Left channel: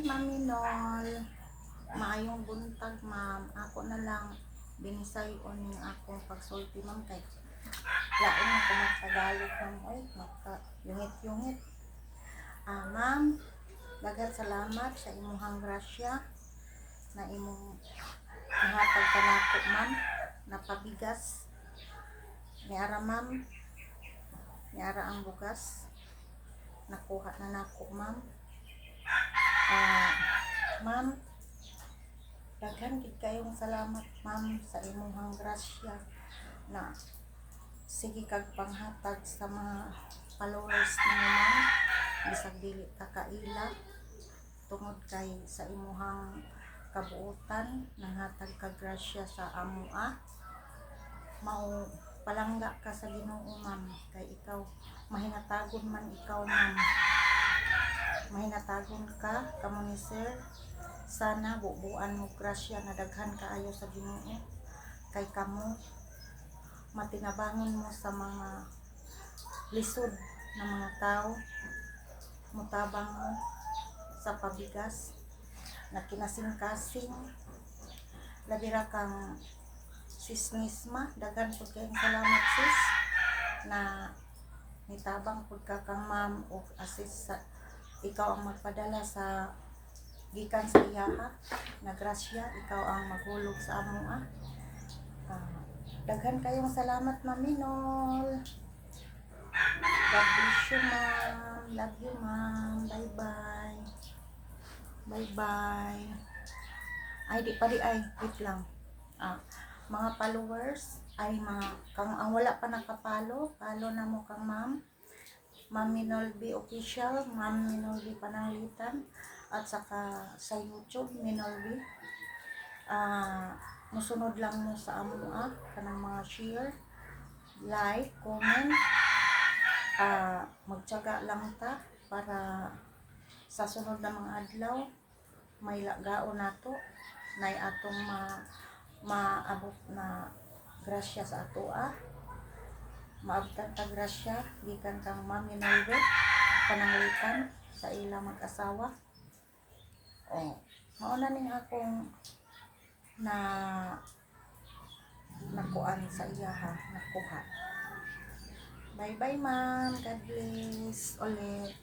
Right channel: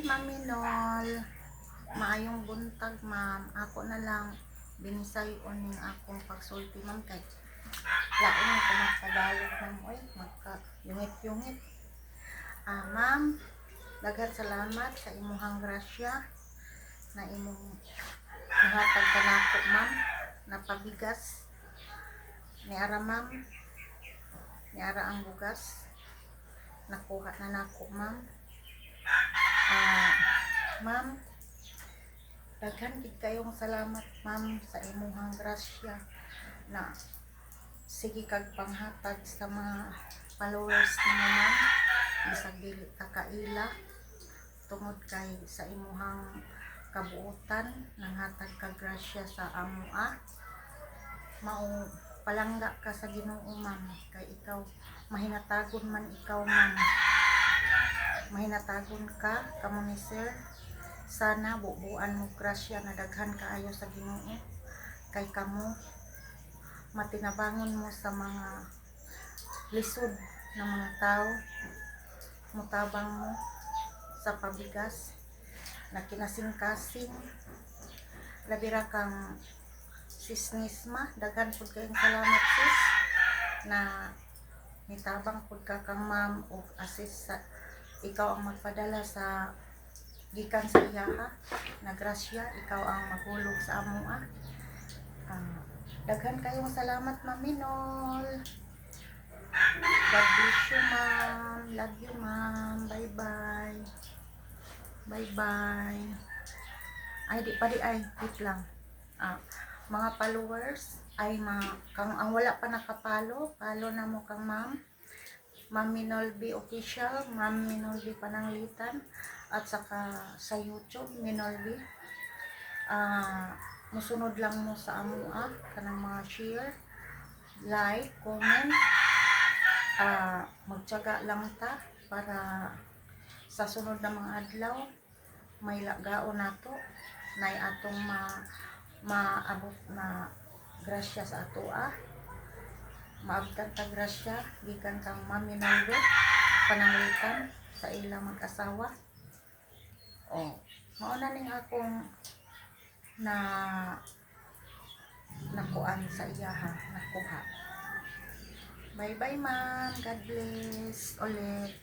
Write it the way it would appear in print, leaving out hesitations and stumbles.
Mami Nol. Maayong buntag, ma'am. Ako na lang binisayon ning akong pagsulti, ma'am, kay lain na ko magtagalog, ma'am. Oy, magka yungit-yungit. Ma'am, daghan salamat sa imuhang grasya na imong nahatag kanako, ma'am, na pabigas. Niara, ma'am. Niara ang bugas. Nakuha na nako, ma'am. Ma'am, daghan gid kayong salamat, ma'am, sa imuhang grasya na sige kag panghatag sa mga followers nimo, ma'am. Bisag dili ka kaila tungod kay sa imuhang kabuotan nanghatag kag grasya sa amoa. Mao palangga ka sa Ginoo, ma'am, kay ikaw mahinatagon man ikaw, ma'am. Mahinatagon ka kamo ni sir. Sana bubuan mo grasya na daghan kaayo sa Ginoo kay kamo matinabangon mo sa mga lisod na mga tao. Mutabang mo sa pabigas na kinasing-kasing. Labira kang sis Nisma, daghan pud kayong salamat, sis, na nitabang pud ka kang ma'am o assist sa ikaw ang magpadala sa gikan sa iyaha na grasya. Ikaw ang maghulog sa amoa. Daghan kayong salamat, Mami Nol. God bless you, ma'am. Love you, ma'am. Bye bye. Bye bye. Ay di pa di ay wait lang. Mga followers ay kang ang wala pa nakapalo, palo na mo kang ma'am. Ma'am Minolby Official, Ma'am Minolby Pananglitan, at saka sa YouTube, Minolby. Musunod lang mo sa amoa, kanang mga share, like, comment. Magtiyaga lang ta para sa sunod na mga adlaw, may lagaon nato, na atong maabot na grasya sa atoa. Maabtan ta grasya gikan kang Ma'am Minolby Pananglitan sa ilang mag-asawa. Mao na ning akong nakuan sa iyaha, nakuha. Bye bye, ma'am. God bless ulit.